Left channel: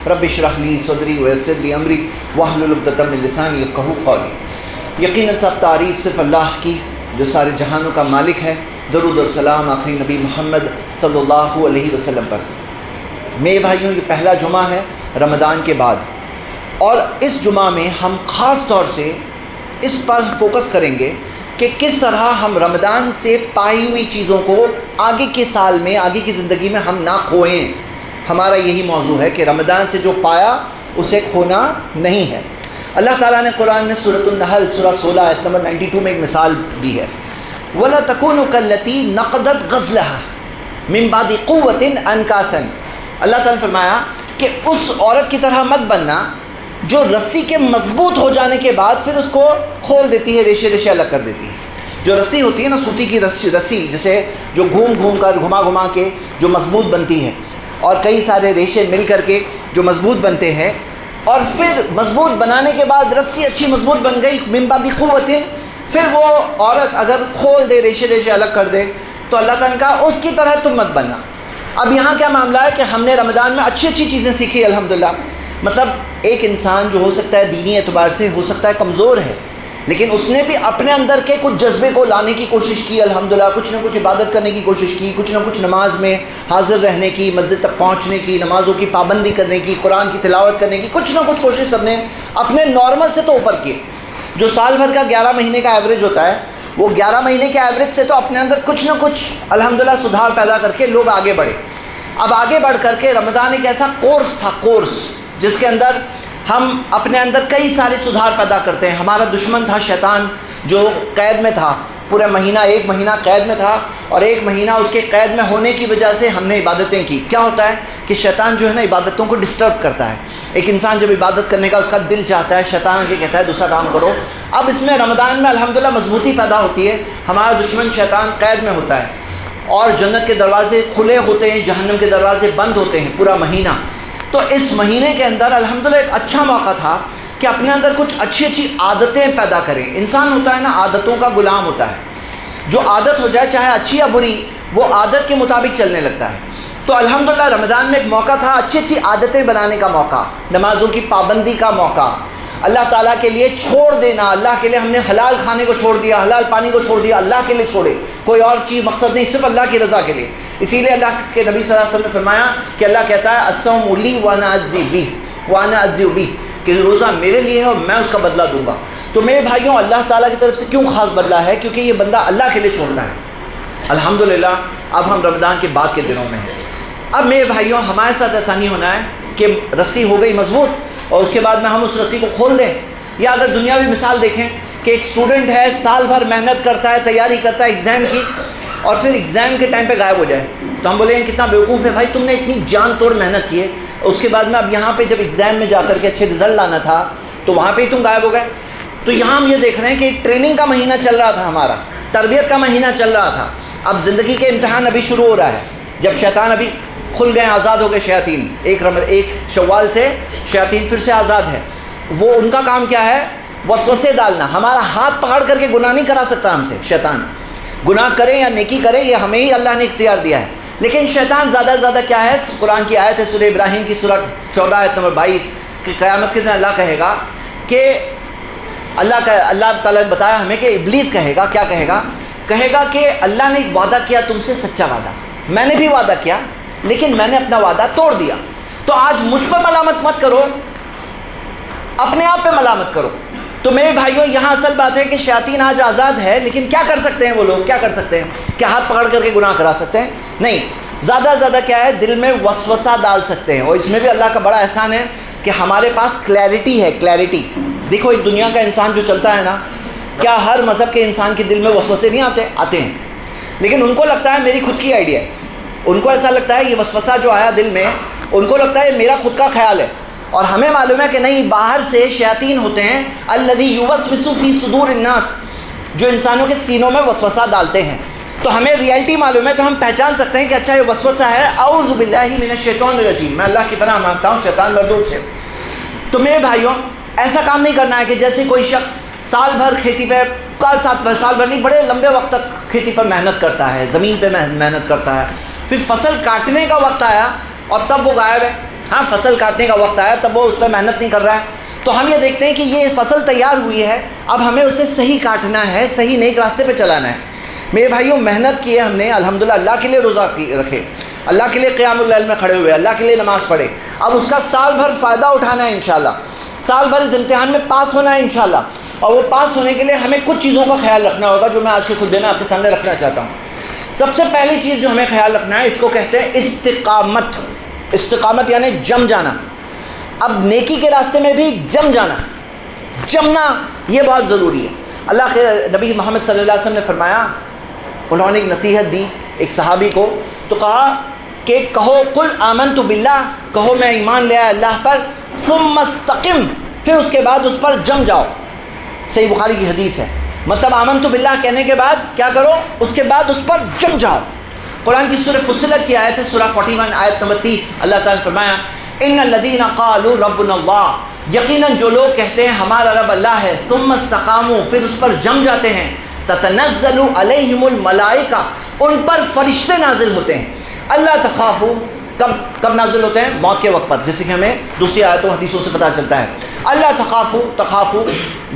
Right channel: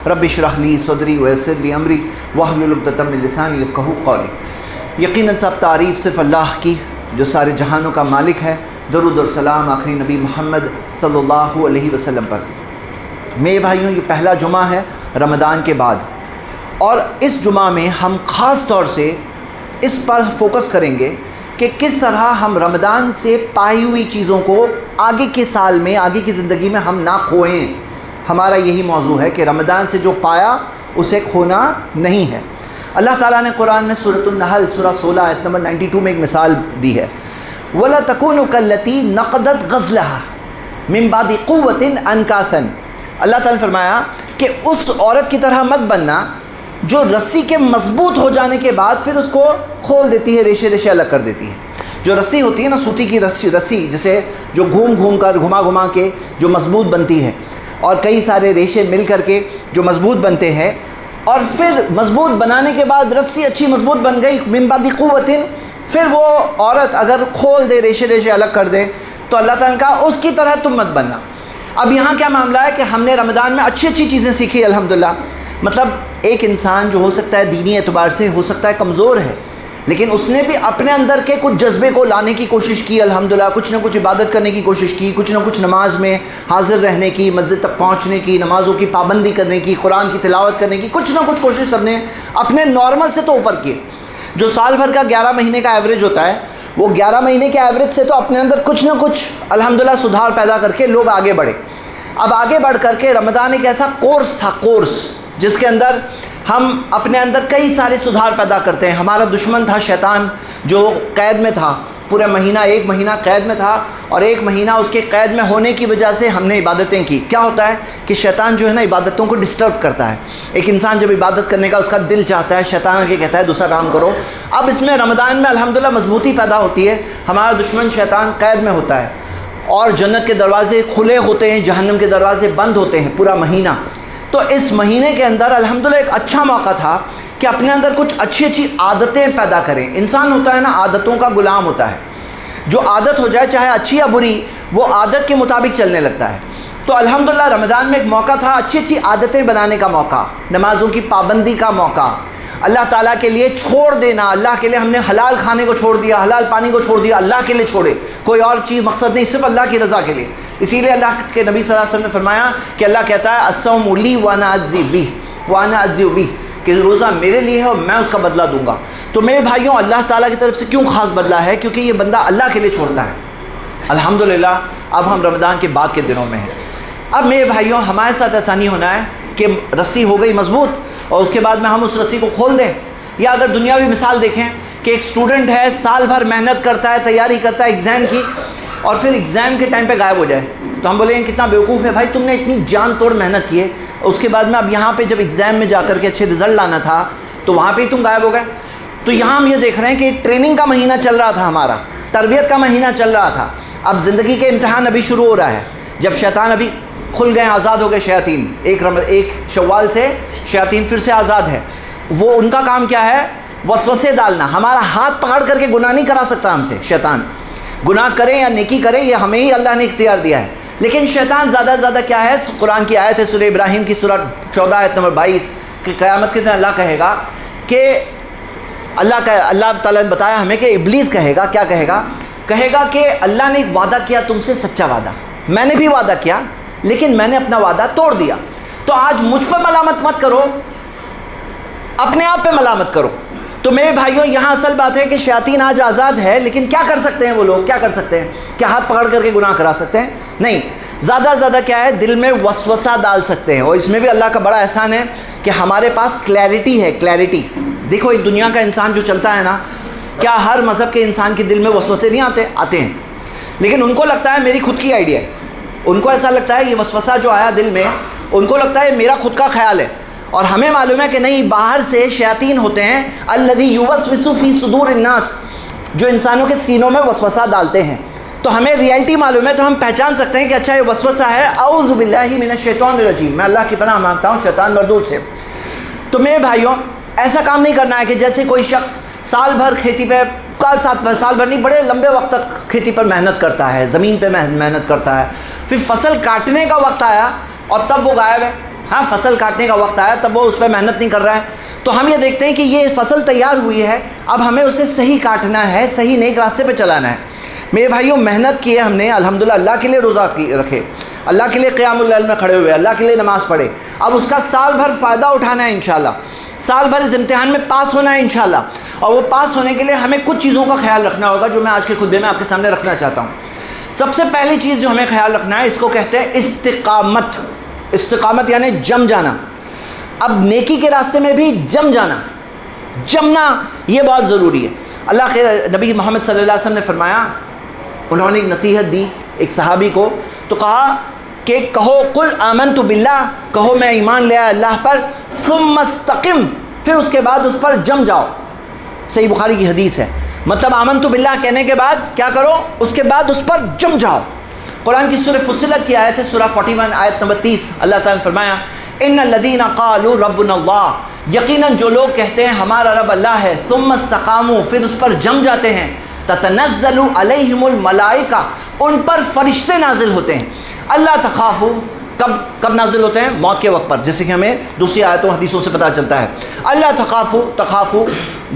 رب اشرح لی صدری ویسر لی امری واحلل عقدۃ من لسانی یفقہوا قولی۔ یقیناً سب تعریف صرف اللہ کی جو سارے جہانوں کا مالک ہے۔ درود و سلام آخری نبی محمد صلی اللہ علیہ وسلم پر۔ میرے بھائیوں، یہ پہلا جمعہ ہے رمضان کے بعد، اور اس جمعہ میں ہم خاص طور سے اس پر فوکس کریں گے کہ کس طرح ہم رمضان سے پائی ہوئی چیزوں کو آگے کے سال میں، آگے کی زندگی میں ہم نہ کھوئیں۔ ہمارا یہی موضوع ہے کہ رمضان سے جو پایا اسے کھونا نہیں ہے۔ اللہ تعالیٰ نے قرآن میں سورۃ النحل سورہ 16 آیت نمبر 92 میں ایک مثال دی ہے، وَلَا تَكُونُوا كَالَّتِي نَقَضَتْ غَزْلَهَا مِن بَعْدِ قُوَّةٍ أَنْكَاثًا۔ اللہ تعالیٰ نے فرمایا کہ اس عورت کی طرح مت بننا جو رسی کے مضبوط ہو جانے کے بعد پھر اس کو کھول دیتی ہے، ریشے ریشے الگ کر دیتی ہے۔ جو رسی ہوتی ہے نا، سوتی کی رسی جسے جو گھما گھما کے جو مضبوط بنتی ہے، اور کئی سارے ریشے مل کر کے جو مضبوط بنتے ہیں، اور پھر مضبوط بنانے کے بعد رسی اچھی مضبوط بن گئی، من بعد قوت، پھر وہ عورت اگر کھول دے، ریشے ریشے الگ کر دے، تو اللہ تعالیٰ نے کہا اس کی طرح تم مت بننا۔ اب یہاں کیا معاملہ ہے کہ ہم نے رمضان میں اچھی چیزیں سیکھی الحمدللہ۔ مطلب ایک انسان جو ہو سکتا ہے دینی اعتبار سے ہو سکتا ہے کمزور ہے، لیکن اس نے بھی اپنے اندر کے کچھ جذبے کو لانے کی کوشش کی الحمدللہ، کچھ نہ کچھ عبادت کرنے کی کوشش کی، کچھ نہ کچھ نماز میں حاضر رہنے کی، مسجد تک پہنچنے کی، نمازوں کی پابندی کرنے کی، قرآن کی تلاوت کرنے کی، کچھ نہ کچھ کوشش سب نے اپنے نارمل سے تو اوپر کی۔ جو سال بھر کا 11 مہینے کا ایوریج ہوتا ہے، وہ 11 مہینے کے ایوریج سے تو اپنے اندر کچھ نہ کچھ الحمدللہ سدھار پیدا کر کے لوگ آگے بڑھے۔ اب آگے بڑھ کر کے رمضان ایک ایسا کورس تھا، جس کے اندر ہم اپنے اندر کئی سارے سدھار پیدا کرتے ہیں۔ ہمارا دشمن تھا شیطان، جو قید میں تھا، پورا مہینہ، ایک مہینہ قید میں تھا، اور ایک مہینہ اس کے قید میں ہونے کی وجہ سے ہم نے عبادتیں کی۔ کیا ہوتا ہے کہ شیطان جو ہے نا عبادتوں کو ڈسٹرب کرتا ہے۔ ایک انسان جب عبادت کرنے کا اس کا دل چاہتا ہے، شیطان کے کہتا ہے دوسرا کام کرو۔ اب اس میں رمضان میں الحمدللہ مضبوطی پیدا ہوتی ہے۔ ہمارا دشمن شیطان قید میں ہوتا ہے، اور جنت کے دروازے کھلے ہوتے ہیں، جہنم کے دروازے بند ہوتے ہیں پورا مہینہ۔ تو اس مہینے کے اندر الحمدللہ ایک اچھا موقع تھا کہ اپنے اندر کچھ اچھی عادتیں پیدا کریں۔ انسان ہوتا ہے نا، عادتوں کا غلام ہوتا ہے۔ جو عادت ہو جائے چاہے اچھی یا بری، وہ عادت کے مطابق چلنے لگتا ہے۔ تو الحمدللہ رمضان میں ایک موقع تھا اچھی عادتیں بنانے کا موقع، نمازوں کی پابندی کا موقع، اللہ تعالیٰ کے لیے چھوڑ دینا۔ اللہ کے لیے ہم نے حلال کھانے کو چھوڑ دیا، حلال پانی کو چھوڑ دیا، اللہ کے لیے چھوڑے، کوئی اور چیز مقصد نہیں، صرف اللہ کی رضا کے لیے۔ اسی لیے اللہ کے نبی صلی اللہ علیہ وسلم نے فرمایا کہ اللہ کہتا ہے الصوم لی وانا اجزی بہ، کہ روزہ میرے لیے ہے اور میں اس کا بدلہ دوں گا۔ تو میرے بھائیوں، اللہ تعالیٰ کی طرف سے کیوں خاص بدلہ ہے؟ کیونکہ یہ بندہ اللہ کے لیے چھوڑتا ہے۔ الحمدللہ اب ہم رمضان کے بعد کے دنوں میں ہیں۔ اب میرے بھائیوں، ہمارے ساتھ ایسا نہیں ہونا ہے کہ رسی ہو گئی مضبوط اور اس کے بعد میں ہم اس رسی کو کھول دیں۔ یا اگر دنیاوی مثال دیکھیں کہ ایک اسٹوڈنٹ ہے، سال بھر محنت کرتا ہے، تیاری کرتا ہے ایگزام کی، اور پھر ایگزام کے ٹائم پہ غائب ہو جائے، تو ہم بولیں گے کتنا بیوقوف ہے بھائی، تم نے اتنی جان توڑ محنت کی ہے، اس کے بعد میں اب یہاں پہ جب ایگزام میں جا کر کے اچھے رزلٹ لانا تھا تو وہاں پہ ہی تم غائب ہو گئے۔ تو یہاں ہم یہ دیکھ رہے ہیں کہ ایک ٹریننگ کا مہینہ چل رہا تھا، ہمارا تربیت کا مہینہ چل رہا تھا۔ اب زندگی کے امتحان ابھی شروع ہو رہا ہے، جب شیطان ابھی کھل گئے، آزاد ہو گئے شیاطین، ایک شوال سے شیاطین پھر سے آزاد ہے۔ وہ ان کا کام کیا ہے؟ وسوسے ڈالنا۔ ہمارا ہاتھ پکڑ کر کے گناہ نہیں کرا سکتا ہم سے شیطان، گناہ کرے یا نیکی کرے یہ ہمیں ہی اللہ نے اختیار دیا ہے۔ لیکن شیطان زیادہ سے زیادہ کیا ہے؟ قرآن کی آیت ہے سورہ ابراہیم کی سورہ 14 آیت نمبر 22 کہ قیامت کے دن اللہ کہے گا کہ اللہ تعالیٰ نے بتایا ہمیں کہ ابلیس کہے گا، کیا کہے گا؟ کہے گا کہ اللہ نے ایک وعدہ کیا تم سے، سچا وعدہ، میں نے بھی وعدہ کیا لیکن میں نے اپنا وعدہ توڑ دیا، تو آج مجھ پر ملامت مت کرو، اپنے آپ پہ ملامت کرو۔ تو میرے بھائیوں، یہاں اصل بات ہے کہ شیاطین آج آزاد ہے، لیکن کیا کر سکتے ہیں وہ لوگ؟ کیا کر سکتے ہیں؟ کیا ہاتھ پکڑ کر کے گناہ کرا سکتے ہیں؟ نہیں، زیادہ سے زیادہ کیا ہے؟ دل میں وسوسہ ڈال سکتے ہیں، اور اس میں بھی اللہ کا بڑا احسان ہے کہ ہمارے پاس کلیئرٹی ہے۔ کلیئرٹی دیکھو، ایک دنیا کا انسان جو چلتا ہے نا، کیا ہر مذہب کے انسان کے دل میں وسوسے نہیں آتے ہیں، لیکن ان کو لگتا ہے میری خود کی آئیڈیا ہے، ان کو ایسا لگتا ہے یہ وسوسہ جو آیا دل میں، ان کو لگتا ہے میرا خود کا خیال ہے۔ اور ہمیں معلوم ہے کہ نہیں، باہر سے شیاطین ہوتے ہیں، الذی یوسوس فی صدور الناس، جو انسانوں کے سینوں میں وسوسہ ڈالتے ہیں۔ تو ہمیں ریئلٹی معلوم ہے، تو ہم پہچان سکتے ہیں کہ اچھا یہ وسوسہ ہے، اعوذ باللہ من الشیطان الرجیم، میں اللہ کی پناہ مانگتا ہوں شیطان مردود سے۔ تو میرے بھائیوں، ایسا کام نہیں کرنا ہے کہ جیسے کوئی شخص سال بھر کھیتی پہ، سال بھر نہیں، بڑے لمبے وقت تک کھیتی پر محنت کرتا ہے، زمین پہ محنت کرتا ہے، پھر فصل کاٹنے کا وقت آیا اور تب وہ غائب ہے، ہاں فصل کاٹنے کا وقت آیا تب وہ اس پہ محنت نہیں کر رہا ہے. تو ہم یہ دیکھتے ہیں کہ یہ فصل تیار ہوئی ہے, اب ہمیں اسے صحیح کاٹنا ہے, صحیح نیک راستے پہ چلانا ہے. میرے بھائیوں محنت کی ہے ہم نے, الحمدللہ اللہ کے لیے روزہ رکھے, اللہ کے لیے قیام اللیل میں کھڑے ہوئے, اللہ کے لیے نماز پڑھے. اب اس کا سال بھر فائدہ اٹھانا ہے انشاءاللہ, سال بھر اس امتحان میں پاس ہونا ہے انشاءاللہ. اور وہ پاس ہونے کے لیے ہمیں کچھ چیزوں کا خیال رکھنا ہوگا جو میں آج کے خطبے میں آپ کے سامنے رکھنا چاہتا ہوں. سب سے پہلی چیز جو ہمیں خیال رکھنا ہے, اس کو کہتے ہیں استقامت. استقامت یعنی جم جانا. اب نیکی کے راستے میں بھی جم جانا, جمنا یہ بہت ضروری ہے. اللہ کے نبی محمد صلی اللہ علیہ وسلم نے فرمایا, انہوں نے ایک نصیحت دی ایک صحابی کو, تو کہا کہ کہو قل آمنت باللہ, کہو میں ایمان لے آیا اللہ پر, ثم استقم, پھر اس کے بعد اس پر جم جاؤ. صحیح بخاری کی حدیث ہے. مطلب آمنت باللہ کہنے کے بعد کیا کرو, اس کے بعد اس پر جم جاؤ. قرآن کی سورہ فصلت کی آیت ہے, سورہ 41 آیت نمبر 30, اللہ تعالیٰ نے فرمایا ان الذین قالوا ربنا اللہ, یقیناً جو لوگ کہتے ہیں ہمارا رب اللہ ہے, ثم استقاموا, پھر اس پر جم جاتے ہیں, تتنزل علیہم الملائکہ, ان پر فرشتے نازل ہوتے ہیں. اللہ تخافوا, کب نازل ہوتے ہیں, موت کے وقت پر, جیسے کہ ہمیں دوسری آیتوں حدیثوں سے پتہ چلتا ہے. اللہ تخافوا,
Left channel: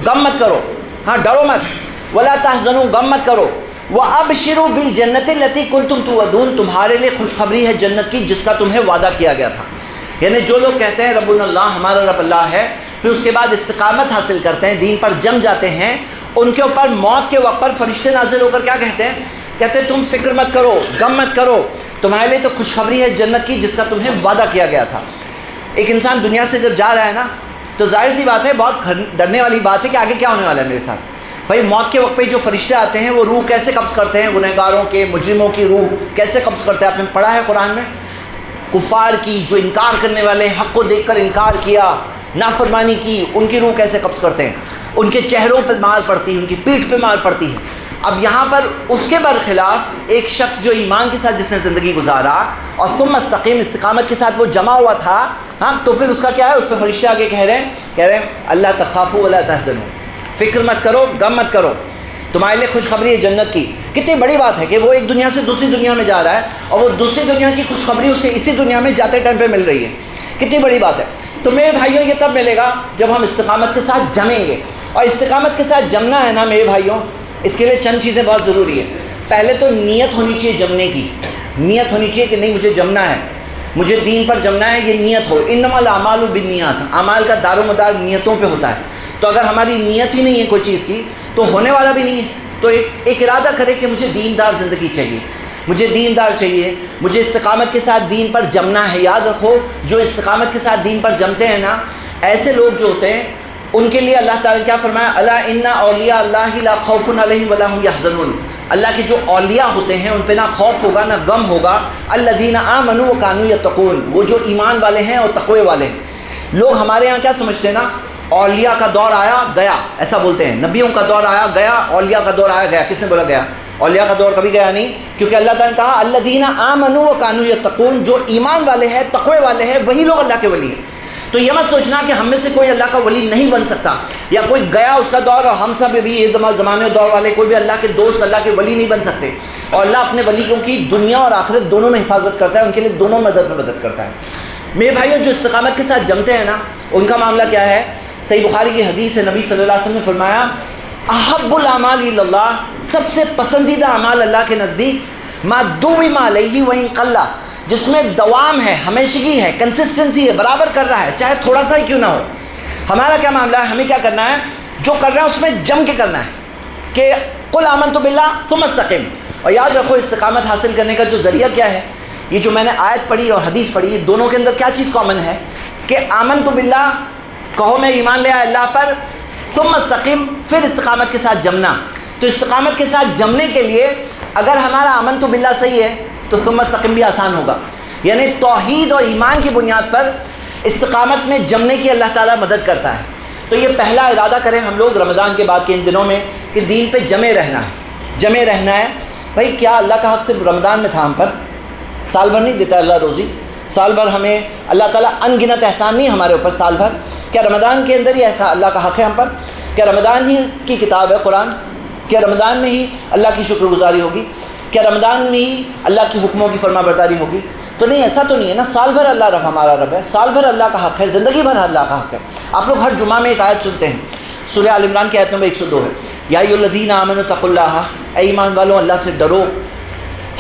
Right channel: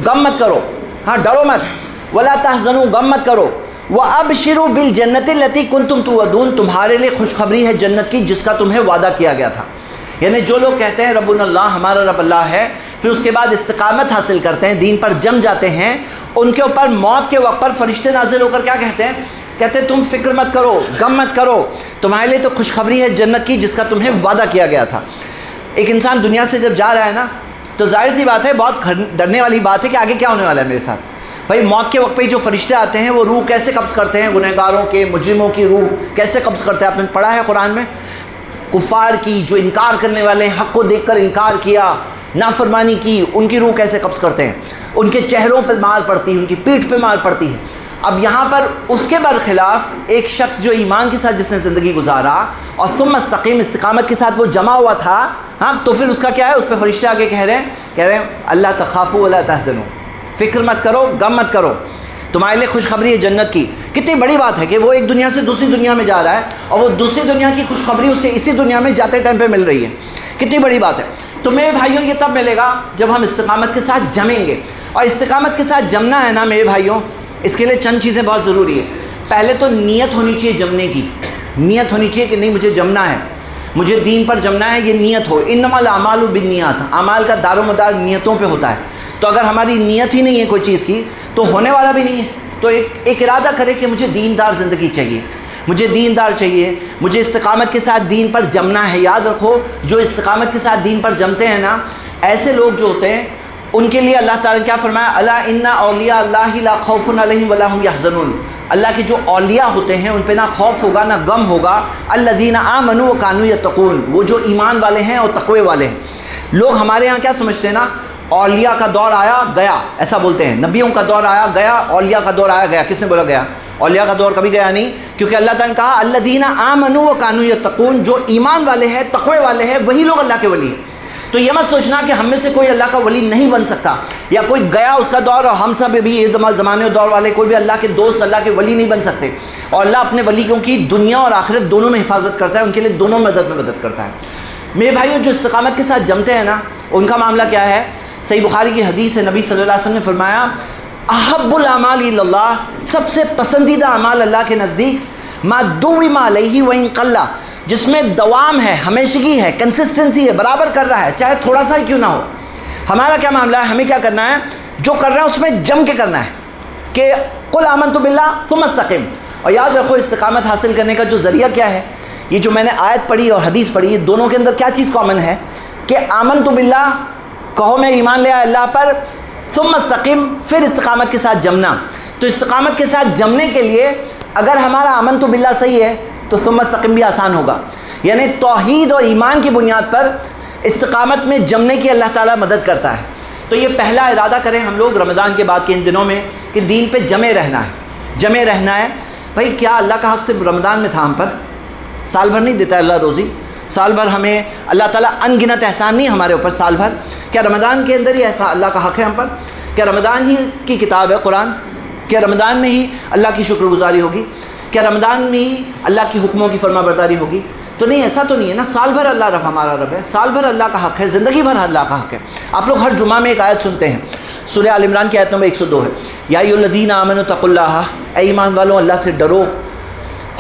غم مت کرو, ہاں ڈرو مت, ولا تحزنوا, غم مت کرو, وابشروا بالجنۃ التی کنتم توعدون, تمہارے لیے خوشخبری ہے جنت کی جس کا تمہیں وعدہ کیا گیا تھا. یعنی جو لوگ کہتے ہیں ربنا اللہ, ہمارا رب اللہ ہے, پھر اس کے بعد استقامت حاصل کرتے ہیں, دین پر جم جاتے ہیں, ان کے اوپر موت کے وقت پر فرشتے نازل ہو کر کیا کہتے ہیں, کہتے ہیں تم فکر مت کرو, غم مت کرو, تمہارے لیے تو خوشخبری ہے جنت کی جس کا تمہیں وعدہ کیا گیا تھا. ایک انسان دنیا سے جب جا رہا ہے نا, تو ظاہر سی بات ہے, بہت ڈرنے والی بات ہے کہ آگے کیا ہونے والا ہے میرے ساتھ. بھائی موت کے وقت پہ جو فرشتے آتے ہیں وہ روح کیسے قبض کرتے ہیں, گنہگاروں کے, مجرموں کی روح کیسے قبض کرتے ہیں, آپ نے پڑھا ہے قرآن میں. کفار کی, جو انکار کرنے والے, حق کو دیکھ کر انکار کیا, نافرمانی کی, ان کی روح کیسے قبض کرتے ہیں, ان کے چہروں پہ مار پڑتی ہے, ان کی پیٹھ پہ مار پڑتی ہے. اب یہاں پر اس کے برخلاف ایک شخص جو ایمان کے ساتھ جس نے زندگی گزارا اور ثم استقیم, استقامت کے ساتھ وہ جمع ہوا تھا, ہاں تو پھر اس کا کیا ہے, اس پہ فرشتے آگے کہہ رہے ہیں اللہ تخافوا ولا تحزنوا, فکر مت کرو, غم مت کرو, تمہارے لیے خوشخبری ہے جنت کی. کتنی بڑی بات ہے کہ وہ ایک دنیا سے دوسری دنیا میں جا رہا ہے اور وہ دوسری دنیا کی خوشخبری اسے اسی دنیا میں جاتے ٹائم پہ مل رہی ہے. کتنی بڑی بات ہے. تو میرے بھائیوں یہ تب ملے گا جب ہم استقامت کے ساتھ جمیں گے. اور استقامت کے ساتھ جمنا ہے نا میرے بھائیوں, اس کے لیے چند چیزیں بہت ضروری ہے. پہلے تو نیت ہونی چاہیے جمنے کی, نیت ہونی چاہیے کہ نہیں مجھے جمنا ہے, مجھے دین پر جمنا ہے, یہ نیت ہو. انما الاعمال بالنیات, اعمال کا دار و مدار نیتوں پہ ہوتا ہے. تو اگر ہماری نیت ہی نہیں ہے کوئی چیز کی تو ہونے والا بھی نہیں ہے. تو ایک ارادہ کرے کہ مجھے دیندار زندگی چاہیے, مجھے دیندار چاہیے, مجھے استقامت کے ساتھ دین پر جمنا ہے. یاد رکھو جو استقامت کے ساتھ دین پر جمتے ہیں نا, ایسے لوگ جو ہوتے ہیں ان کے لیے اللہ تعالیٰ نے کیا فرمایا, الا ان اولیاء اللہ لا خوف علیہم ولا هم یحزنون, اللہ کے جو اولیاء ہوتے ہیں ان پہ نہ خوف ہوگا نہ غم ہوگا. الذین آمنوا وکانوا یتقون, وہ جو ایمان والے ہیں اور تقوی والے ہیں. لوگ ہمارے ہاں کیا سمجھتے ہیں نا, اولیاء کا دور آیا گیا, ایسا بولتے ہیں, نبیوں کا دور آیا گیا, اولیاء کا دور آیا گیا. کس نے بولا گیا؟ اولیاء کا دور کبھی گیا نہیں, کیونکہ اللہ تعالیٰ نے کہا الذین آمنوا وکانوا یتقون, جو ایمان والے ہیں, تقوی والے ہیں, وہی لوگ اللہ کے ولی ہیں. تو یہ مت سوچنا کہ ہم میں سے کوئی اللہ کا ولی نہیں بن سکتا, یا کوئی گیا اس کا دور اور ہم سب بھی یہ زمانے دور والے کوئی بھی اللہ کے دوست, اللہ کے ولی نہیں بن سکتے. اور اللہ اپنے ولیوں کی دنیا اور آخرت دونوں میں حفاظت کرتا ہے, ان کے لیے دونوں مدد کرتا ہے. میرے بھائیوں جو استقامت کے ساتھ جمتے ہیں نا, ان کا معاملہ کیا ہے؟ صحیح بخاری کی حدیث ہے, نبی صلی اللہ علیہ وسلم نے فرمایا احب الاعمال الی اللہ, سب سے پسندیدہ اعمال اللہ کے نزدیک ما دوم علیہ وان قل, جس میں دوام ہے, ہمیشگی ہے, کنسسٹنسی ہے, برابر کر رہا ہے چاہے تھوڑا سا ہی کیوں نہ ہو. ہمارا کیا معاملہ ہے, ہمیں کیا کرنا ہے, جو کر رہے ہیں اس میں جم کے کرنا ہے کہ قل آمنت باللہ ثم استقم. اور یاد رکھو استقامت حاصل کرنے کا جو ذریعہ کیا ہے, یہ جو میں نے آیت پڑھی اور حدیث پڑھی, دونوں کے اندر کیا چیز کامن ہے کہ آمنت باللہ, کہو میں ایمان لے آیا اللہ پر, ثم استقم, پھر استقامت کے ساتھ جمنا. تو استقامت کے ساتھ جمنے کے لیے اگر ہمارا آمنت باللہ صحیح ہے تو ثم استقم بھی آسان ہوگا. یعنی توحید اور ایمان کی بنیاد پر استقامت میں جمنے کی اللہ تعالیٰ مدد کرتا ہے. تو یہ پہلا ارادہ کریں ہم لوگ رمضان کے بعد کے ان دنوں میں کہ دین پہ جمے رہنا ہے, جمے رہنا ہے. بھائی کیا اللہ کا حق صرف رمضان میں تھا ہم پر؟ سال بھر نہیں دیتا اللہ روزی, سال بھر ہمیں اللہ تعالیٰ ان گنت احسان نہیں ہمارے اوپر سال بھر. کیا رمضان کے اندر ہی ایسا اللہ کا حق ہے ہم پر؟ کیا رمضان ہی کی کتاب ہے قرآن؟ کیا رمضان میں ہی اللہ کی شکر گزاری ہوگی؟ کیا رمضان میں ہی اللہ کی حکموں کی فرما برداری ہوگی؟ تو نہیں، ایسا تو نہیں ہے نا، سال بھر اللہ رب ہمارا رب ہے، سال بھر اللہ کا حق ہے، زندگی بھر اللہ کا حق ہے۔ آپ لوگ ہر جمعہ میں ایک آیت سنتے ہیں، سورہ آل عمران کی آیت نمبر 102 ہے، یا ایھا الذین آمنوا اتقوا اللہ، اے ایمان والو اللہ سے ڈرو،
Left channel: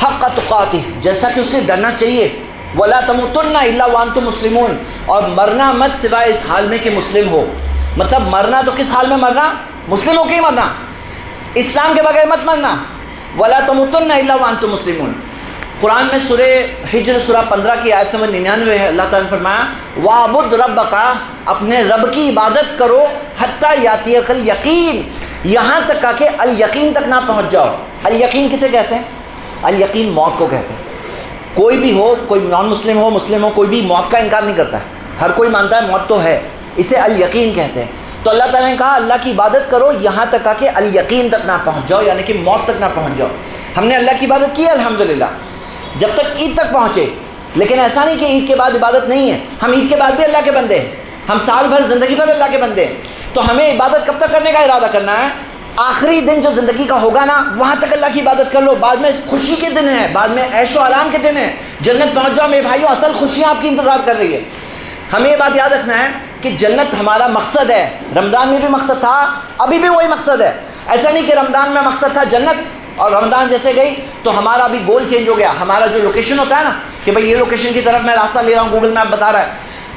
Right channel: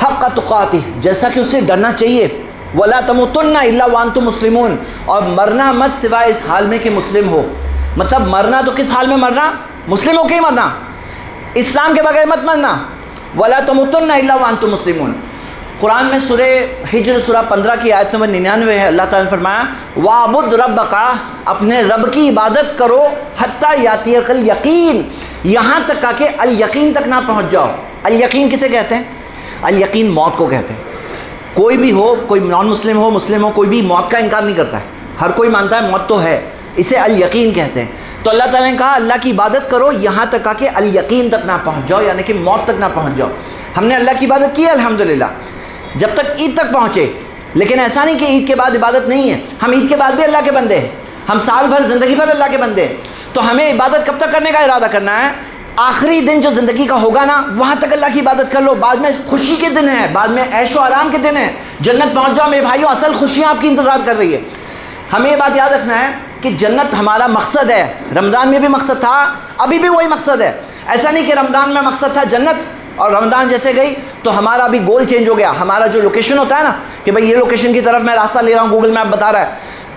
حق تقاتہ، جیسا کہ اسے ڈرنا چاہیے، ولا تموتن الا وانتم مسلمون، اور مرنا مت سوائے اس حال میں کہ مسلم ہو۔ مطلب مرنا تو کس حال میں مرنا؟ مسلم ہو کے ہی مرنا، اسلام کے بغیر مت مرنا۔ ولا تموتن الا وانتم مسلمون، قرآن میں سورہ ہجر سورہ 15 کی آیت نمبر 99 ہے، اللہ تعالیٰ نے فرمایا وَاعْبُدْ رَبَّكَ، اپنے رب کی عبادت کرو، حَتَّى يَأْتِيَكَ الْيَقِينُ، یہاں تک کہ الیقین تک نہ پہنچ جاؤ۔ الیقین کسے کہتے ہیں؟ الیقین موت کو کہتے ہیں۔ کوئی بھی ہو، کوئی نان مسلم ہو، مسلم ہو، کوئی بھی موت کا انکار نہیں کرتا ہے، ہر کوئی مانتا ہے موت تو ہے، اسے الیقین کہتے ہیں۔ تو اللہ تعالیٰ نے کہا اللہ کی عبادت کرو یہاں تک کہ الیقین تک نہ پہنچ جاؤ، یعنی کہ موت تک نہ پہنچ جاؤ۔ ہم نے اللہ کی عبادت کی الحمدللہ جب تک عید تک پہنچے، لیکن ایسا نہیں کہ عید کے بعد عبادت نہیں ہے، ہم عید کے بعد بھی اللہ کے بندے ہیں، ہم سال بھر زندگی بھر اللہ کے بندے ہیں۔ تو ہمیں عبادت کب تک کرنے کا ارادہ کرنا ہے؟ آخری دن جو زندگی کا ہوگا نا، وہاں تک اللہ کی عبادت کر لو، بعد میں خوشی کے دن ہیں، بعد میں عیش و آرام کے دن ہیں، جنت پہنچ جاؤ میرے بھائیو، اصل خوشیاں آپ کی انتظار کر رہی ہے۔ ہمیں یہ بات یاد رکھنا ہے کہ جنت ہمارا مقصد ہے، رمضان میں بھی مقصد تھا، ابھی بھی وہی مقصد ہے۔ ایسا نہیں کہ رمضان میں مقصد تھا جنت اور رمضان جیسے گئی تو ہمارا ابھی گول چینج ہو گیا، ہمارا جو لوکیشن ہوتا ہے نا کہ بھائی یہ لوکیشن کی طرف میں راستہ لے رہا ہوں، گوگل میپ بتا رہا ہے،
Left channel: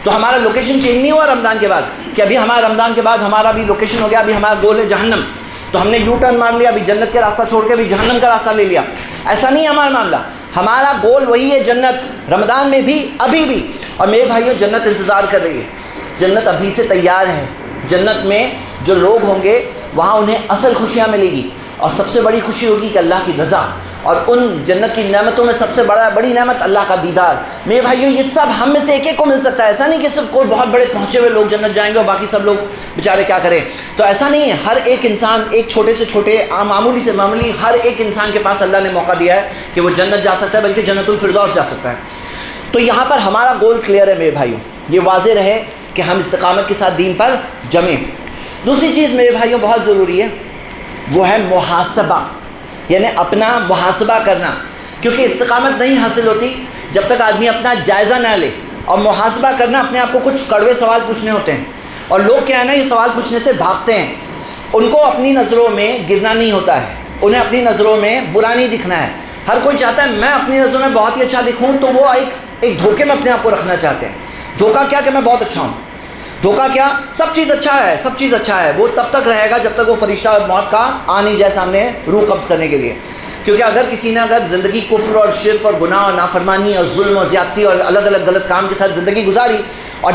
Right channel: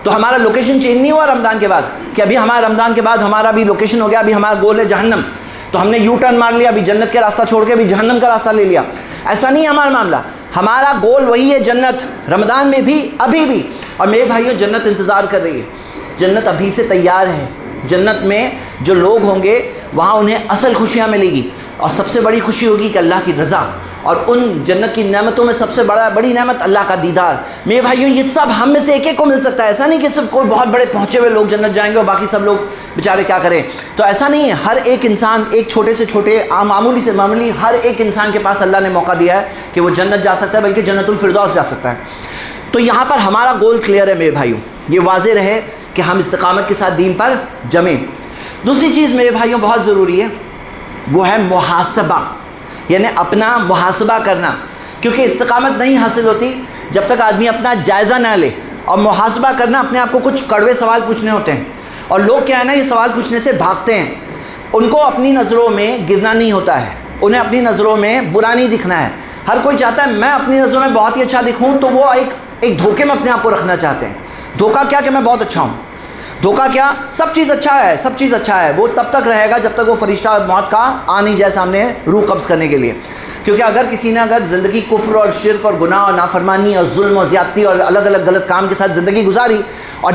تو ہمارا لوکیشن چینج نہیں ہوا رمضان کے بعد کہ ابھی ہمارا رمضان کے بعد ہمارا بھی لوکیشن ہو گیا، ابھی ہمارا گول ہے جہنم، تو ہم نے یو ٹرن مار لیا، ابھی جنت کا راستہ چھوڑ کے ابھی جہنم کا راستہ لے لیا۔ ایسا نہیں ہے ہمارا معاملہ، ہمارا گول وہی ہے جنت، رمضان میں بھی ابھی بھی۔ اور میرے بھائیوں جنت انتظار کر رہی ہے، جنت ابھی سے تیار ہے۔ جنت میں جو لوگ ہوں گے وہاں انہیں اصل خوشیاں ملے گی، اور سب سے بڑی خوشی ہوگی کہ اللہ کی رضا، اور ان جنت کی نعمتوں میں سب سے بڑی نعمت اللہ کا دیدار۔ میرے بھائیوں یہ سب ہم میں سے ایک ایک کو مل سکتا ہے، ایسا نہیں کہ صرف کوئی بہت بڑے پہنچے ہوئے لوگ جنت جائیں گے اور باقی سب لوگ بیچارے کیا کریں، تو ایسا نہیں ہے۔ ہر ایک انسان، ایک چھوٹے سے چھوٹے معمولی سے معمولی، ہر ایک انسان کے پاس اللہ نے موقع دیا ہے کہ وہ جنت جا سکتا ہے، بلکہ جنت الفردوس جا سکتا ہے۔ تو یہاں پر ہمارا گول کلیئر ہے میرے بھائیوں، یہ واضح رہے کہ ہم استقامت کے ساتھ دین پر جمیں۔ دوسری چیز میرے بھائیوں بہت ضروری ہے، وہ ہے محاسبہ، یعنی اپنا محاسبہ کرنا، کیونکہ استقامت نہیں حاصل ہوتی جب تک آدمی اپنا جائزہ نہ لے۔ اور محاسبہ کرنا، اپنے آپ کو کچھ کڑوے سوال پوچھنے ہوتے ہیں، اور لوگ کیا ہے نا یہ سوال پوچھنے سے بھاگتے ہیں۔ ان کو اپنی نظروں میں گرنا نہیں ہوتا ہے، انہیں اپنی نظروں میں برا نہیں دکھنا ہے۔ ہر کوئی چاہتا ہے میں اپنی نظروں میں بہت ہی اچھا دکھوں، تو وہ ایک دھوکے میں اپنے آپ کو رکھنا چاہتے ہیں۔ دھوکہ کیا کہ میں بہت اچھا ہوں، دھوکہ کیا سب چیز اچھا ہے، سب چیز اچھا ہے، وہ تب تک رہے گا جب تک وہ فرشتہ موت کا آ نہیں جائے سامنے روح قبض کرنے کے لیے۔ کیونکہ اگر کسی نے زندگی کفر اور شرک اور گناہ اور نافرمانی اور ظلم اور زیادتی اور الگ الگ غلط کام کے ساتھ زندگی گزاری، اور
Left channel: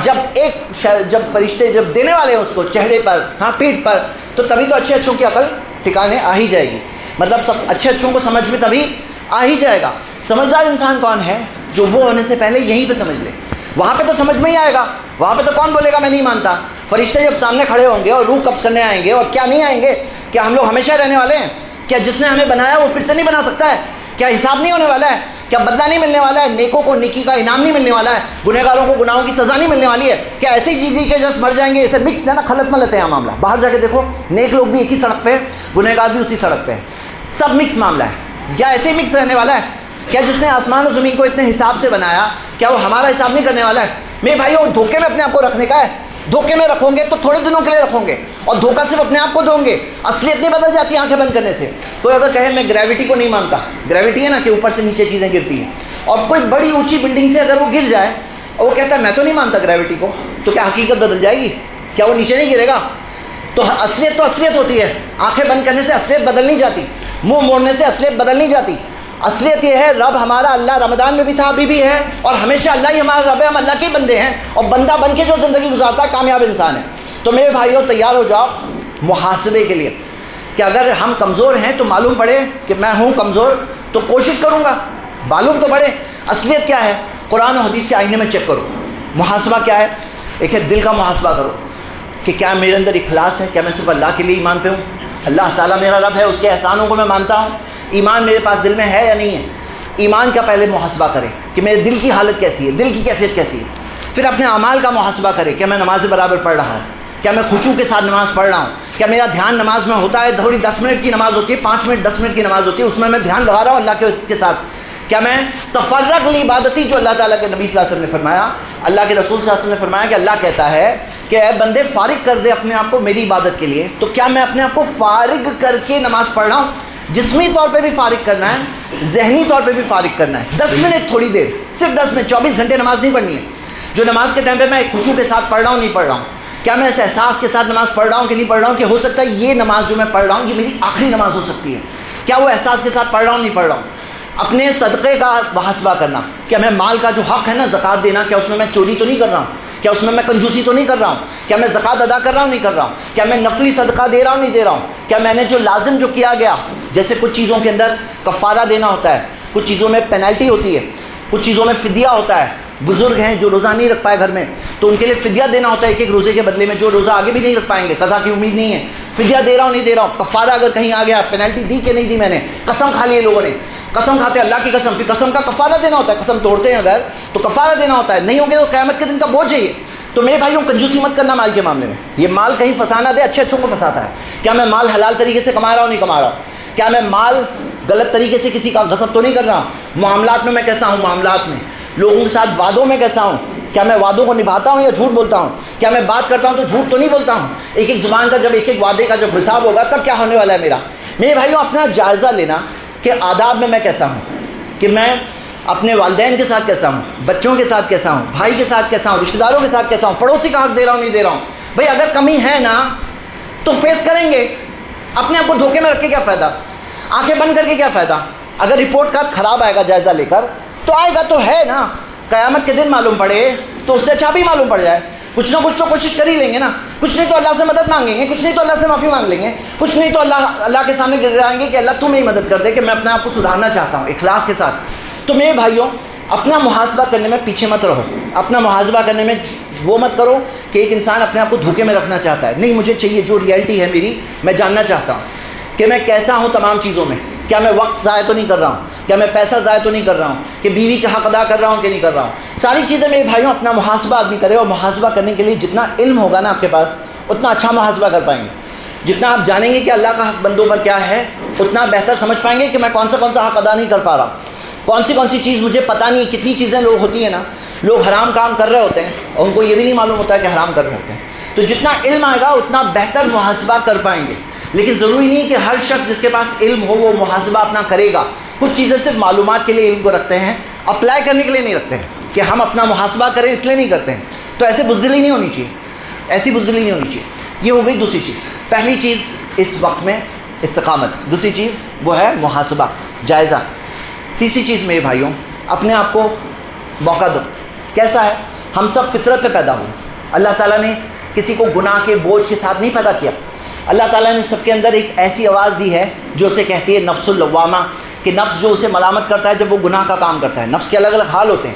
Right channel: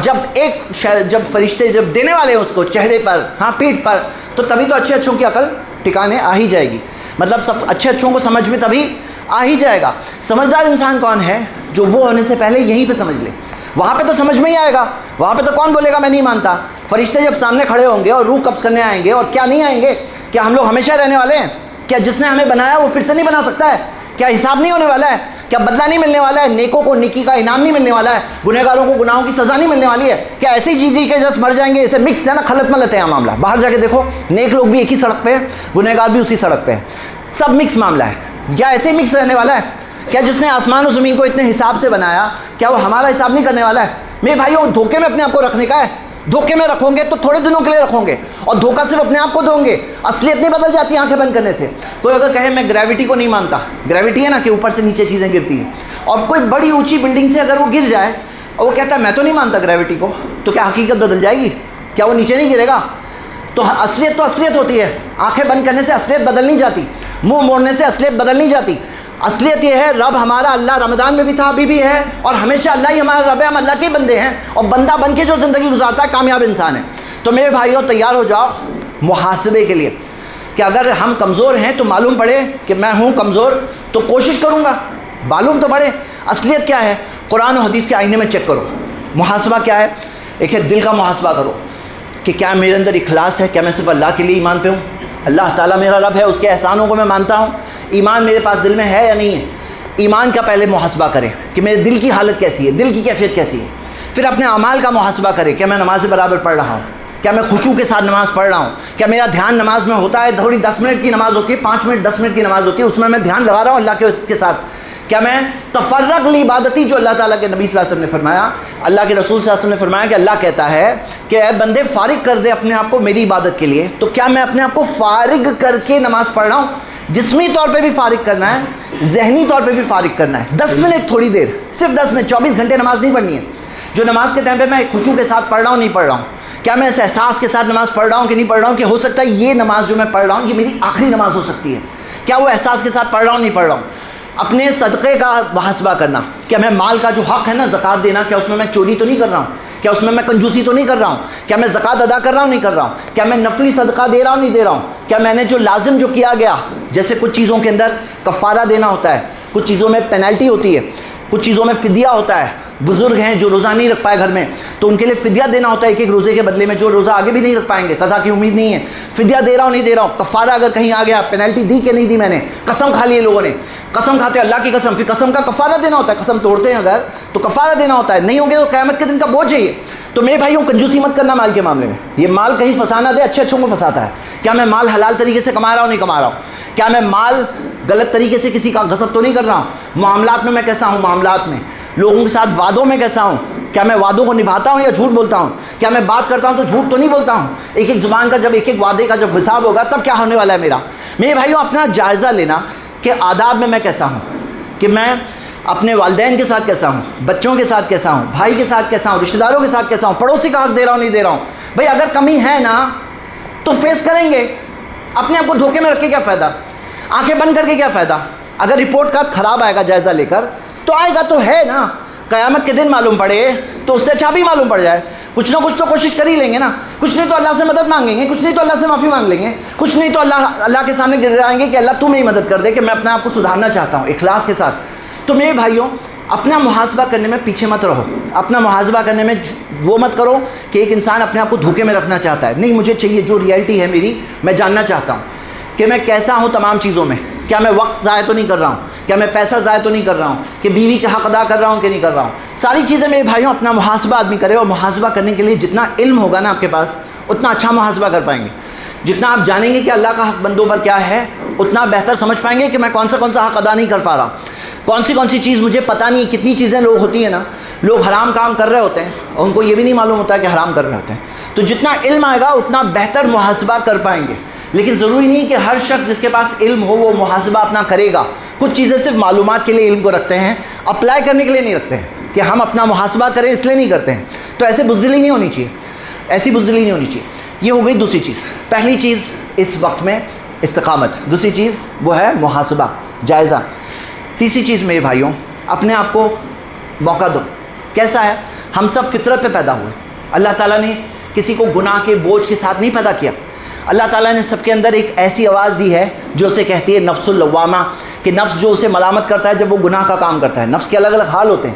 جب فرشتے جب دینے والے ہیں اس کو چہرے پر، پیٹھ پر، تو تبھی تو اچھے اچھوں کی عقل ٹھکانے آ ہی جائے گی، مطلب سب اچھے اچھوں کو سمجھ میں تبھی آ ہی جائے گا۔ سمجھدار انسان کون ہے؟ جو وہ ہونے سے پہلے یہیں پہ سمجھ لے، وہاں پہ تو سمجھ میں ہی آئے گا، وہاں پہ تو کون بولے گا میں نہیں مانتا۔ فرشتے جب سامنے کھڑے ہوں گے اور روح قبض کرنے آئیں گے، اور کیا نہیں آئیں گے؟ کیا ہم لوگ ہمیشہ رہنے والے ہیں؟ کیا جس نے ہمیں بنایا وہ پھر سے نہیں بنا سکتا ہے؟ کیا حساب نہیں ہونے والا ہے؟ کیا بدلہ نہیں ملنے والا ہے؟ نیکوں کو نیکی کا انعام نہیں ملنے والا ہے؟ گنہگاروں کو گناہوں کی سزا نہیں ملنے والی ہے؟ کیا ایسے ہی جی کے جس مر جائیں گے؟ اسے مکس ہے نا، خلط ملت ہے معاملہ۔ باہر جا کے دیکھو، نیک لوگ بھی ایک ہی سڑک پہ ہیں، گنہگار بھی اسی سڑک پہ ہیں، سب مکس معاملہ ہے۔ کیا ایسے ہی مکس رہنے والا ہے؟ کیا جس نے آسمان و زمین کو اتنے حساب سے بنایا، کیا وہ ہمارا حساب نہیں کرنے والا ہے؟ میرے بھائیوں دھوکے میں اپنے آپ کو رکھنے کا ہے، دھوکے میں رکھو گے تو تھوڑے دنوں کے لیے رکھو گے، اور دھوکہ صرف اپنے آپ کو دو گے، اصلیت نہیں بدل جاتی آنکھیں بند کرنے سے۔ کوئی اگر کہے میں گریوٹی کو نہیں مانتا، گریوٹی ہے نا کہ اوپر سے نیچے چیزیں گرتی ہیں، اور کوئی بڑی اونچی بلڈنگ سے اگر وہ گر جائے اور وہ کہتا ہے میں تو نہیں مانتا گریوٹی کو، تو کیا حقیقت بدل جائے گی؟ کیا وہ نیچے نہیں گرے گا؟ تو اصلیت ہوتی ہے، آنکھیں بند کرنے سے اصلیت بدل نہیں جاتی، منہ موڑنے سے اصلیت بدل نہیں جاتی۔ اصلیت یہ ہے رب ہمارا اللہ رمضان میں بھی تھا، ابھی بھی ہے، اور ہمیشہ اللہ ہی ہمارا رب ہے، ہم اللہ کے بندے ہیں، اور بندہ بن کے جو زندگی گزارتا ہے کامیاب انسان ہے۔ تو میرے بھائیوں تیار ہو جاؤ محاسبے کے لیے، کہ اگر ہم کمزور ہیں تو معلوم پڑے کہ میں ہوں کمزور، تو کوشش کروں گا، معلوم تو پڑے اصلیت کیا ہے۔ قرآن و حدیث کے آئینے میں چیک کرو محاسبہ کیا ہے۔ ایک ہے دل کا محاسبہ کرو کہ کیا میرے اندر اخلاص ہے، کیا میں صرف اللہ کے لیے ایمان پہ ہوں، اللہ تعالیٰ میرا رب ہے، اس کے احسانوں کو میں مانتا ہوں، ایمان میرے پاس دل میں ہے یا نہیں ہے۔ ایمان کا پہلے محاسبہ کریں کہ میرے دل کی حالت کیسی ہے، دل کی کیفیت کیسی ہے۔ پھر اپنے اعمال کا محاسبہ کریں، کیا میں نماز برابر پڑھ رہا ہوں، کیا میں خشوع کے ساتھ نماز پڑھ رہا ہوں، کیا میرا دھیان نماز میں ہوتا ہے، تھوڑی 10 منٹ کی نماز ہوتی ہے، 5 منٹ 10 منٹ کی نماز ہوتی ہے، اس میں دھیان لگا رہا ہوں اللہ کے ساتھ، کیا میں تفرغ لعبادتی، جو اللہ تعالیٰ کے نبی صلی اللہ علیہ وسلم نے فرمایا، اللہ کے رسول صلی اللہ علیہ وسلم نے فرمایا کہ اللہ کہتا ہے کہ اے بندے فارغ کر دے اپنے آپ کو میری عبادت کے لیے، تو کیا میں اپنے آپ کو فارغ کر کے نماز پڑھ رہا ہوں؟ جسمی طور پہ بھی فارغ کرنا ہے، ذہنی طور پہ بھی فارغ کرنا ہے. 10 منٹ تھوڑی دیر، صرف 10 منٹ، 24 گھنٹے نماز نہیں پڑھنی ہے. جو نماز کے ٹائم پہ میں خشوع کے ساتھ پڑھ رہا ہوں نہیں پڑھ رہا ہوں، کیا میں اس احساس کے ساتھ نماز پڑھ رہا ہوں کہ نہیں پڑھ رہا ہوں کہ ہو سکتا ہے یہ نماز جو میں پڑھ رہا ہوں یہ میری آخری نماز ہو سکتی ہے. کیا وہ احساس کے ساتھ پڑھ رہا ہوں نہیں پڑھ رہا ہوں. اپنے صدقے کا محاسبہ کرنا، کیا میں مال کا جو حق ہے نا زکوٰۃ دینا، کیا اس میں چوری تو نہیں کر رہا ہوں، کیا اس میں کنجوسی تو نہیں کر رہا ہوں، کیا میں زکوٰۃ ادا کر رہا ہوں نہیں کر رہا ہوں، کیا میں نفلی صدقہ دے رہا ہوں نہیں دے رہا ہوں، کیا میں نے جو لازم جو کیا گیا، جیسے کچھ چیزوں کے اندر کفارہ دینا ہوتا ہے، کچھ چیزوں میں پینلٹی ہوتی ہے، کچھ چیزوں میں فدیہ ہوتا ہے. بزرگ ہیں جو روزہ نہیں رکھ پائے گھر میں تو ان کے لیے فدیہ دینا ہوتا ہے ایک روزے کے بدلے میں. جو روزہ آگے بھی نہیں رکھ پائیں گے، قضا کی امید نہیں ہے، فدیہ دے رہا ہوں نہیں دے رہا ہوں. کفارہ اگر کہیں آ گیا، پینلٹی دی کہ نہیں دی، میں نے قسم کھا لی لوگوں نے، قسم کھاتے اللہ کی قسم، پھر قسم کا کفارہ دینا ہوتا ہے. قسم توڑتے ہیں اگر تو کفارہ دینا ہوتا ہے، نہیں ہوگے تو قیامت کے دن کا بوجھ ہے یہ. تو میرے بھائیوں کنجوسی مت کرنا مال کے معاملے میں. یہ مال کہیں فسانہ دے، اچھے اچھوں کو پھنساتا ہے. کیا میں مال حلال طریقے سے کما رہا ہوں نہیں کما رہا ہوں، کیا میں مال غلط طریقے سے کسی کا غصب تو نہیں کر رہا ہوں. معاملات میں کیسا ہوں، معاملات میں لوگوں کے ساتھ وعدوں میں کیسا ہوں، کیا میں وعدوں کو نبھاتا ہوں یا جھوٹ بولتا ہوں، کیا میں بات کرتا ہوں تو جھوٹ تو نہیں بولتا ہوں. ایک ایک زبان کا جب ایک ایک وعدے کا جب حساب ہوگا تب کیا ہونے والا ہے میرا. میرے بھائیوں اپنا جائزہ لینا کہ آداب میں کیسا ہوں، کہ میں اپنے والدین کے ساتھ کیسا ہوں، بچوں کے ساتھ کیسا ہوں، بھائی کے ساتھ کیسا ہوں، رشتہ داروں کے ساتھ کیسا ہوں، پڑوسی کا حق دے رہا ہوں نہیں دے رہا ہوں. بھائی اگر کمی ہے نا تو فیس کریں گے. اپنے آپ کو دھوکے میں رکھ کے کیا فائدہ، آنکھیں بند کر کے کیا فائدہ. اگر رپورٹ کارڈ خراب آئے گا جائزہ لے کر تو آئے گا تو ہے نا، قیامت کے دن معلوم پڑے تو اس سے اچھا بھی معلوم پڑ جائے. کچھ نہ کچھ تو کوشش کر ہی لیں گے نا، کچھ نہیں تو اللہ سے مدد مانگیں گے، کچھ نہیں تو اللہ سے معافی مانگ لیں گے، کچھ نہیں تو اللہ کے سامنے گر جائیں گے کہ اللہ تو میری مدد کر دے کہ میں اپنے آپ کو سدھارنا چاہتا ہوں اخلاص کے ساتھ. تو میرے بھائیوں اپنا محاسبہ کرنے میں پیچھے مت رہو. اپنا محاسبہ کرنے میں وہ مت کرو کہ ایک انسان اپنے آپ کو دھوکے میں رکھنا چاہتا ہے. نہیں، مجھے چاہیے جو ریئلٹی ہے میری، میں جاننا چاہتا ہوں کہ میں کیسا ہوں تمام چیزوں میں. کیا میں وقت ضائع تو نہیں کر رہا ہوں، کیا میں پیسہ ضائع تو نہیں کر رہا ہوں، کہ بیوی کا حق ادا کر رہا ہوں کہ نہیں کر رہا ہوں. ساری چیزیں میرے بھائیوں اپنا محاسبہ آدمی کرے. اور محاسبہ کرنے کے لیے جتنا علم ہوگا نا آپ کے پاس اتنا اچھا محاسبہ کر پائیں گے. جتنا آپ جانیں گے کہ اللہ کا حق بندوں پر کیا ہے اتنا بہتر سمجھ پائیں گے کہ میں کون سا حق ادا نہیں کر پا رہا ہوں، کون سی چیز مجھے پتہ نہیں. کتنی چیزیں لوگ ہوتی ہیں نا، لوگ حرام کام کر رہے ہوتے ہیں اور ان کو یہ بھی نہیں معلوم ہوتا ہے کہ حرام کر رہے ہوتے ہیں. تو جتنا علم آئے گا اتنا بہتر محاسبہ کر پائیں گے. لیکن ضروری نہیں کہ ہر شخص جس کے پاس علم ہو وہ محاسبہ اپنا کرے گا. کچھ چیزیں صرف معلومات کے لیے علم کو رکھتے ہیں، اپلائی کرنے کے لیے نہیں رکھتے ہیں کہ ہم اپنا محاسبہ کریں اس لیے نہیں کرتے ہیں. تو ایسے بزدلی نہیں ہونی چاہیے، ایسی بزدلی نہیں ہونی چاہیے. یہ ہو گئی دوسری چیز. پہلی چیز اس وقت میں استقامت، دوسری چیز وہ ہے محاسبہ، جائزہ. تیسری چیز میرے بھائیوں اپنے آپ کو موقع دو. کیسا ہے، ہم سب فطرت پہ پیدا ہوئے. اللہ تعالیٰ نے کسی کو گناہ کے بوجھ کے ساتھ نہیں پیدا کیا. اللہ تعالیٰ نے سب کے اندر ایک ایسی آواز دی ہے جو اسے کہتی ہے نفس اللوامہ، کہ نفس جو اسے ملامت کرتا ہے جب وہ گناہ کا کام کرتا ہے. نفس کے الگ الگ حال ہوتے ہیں.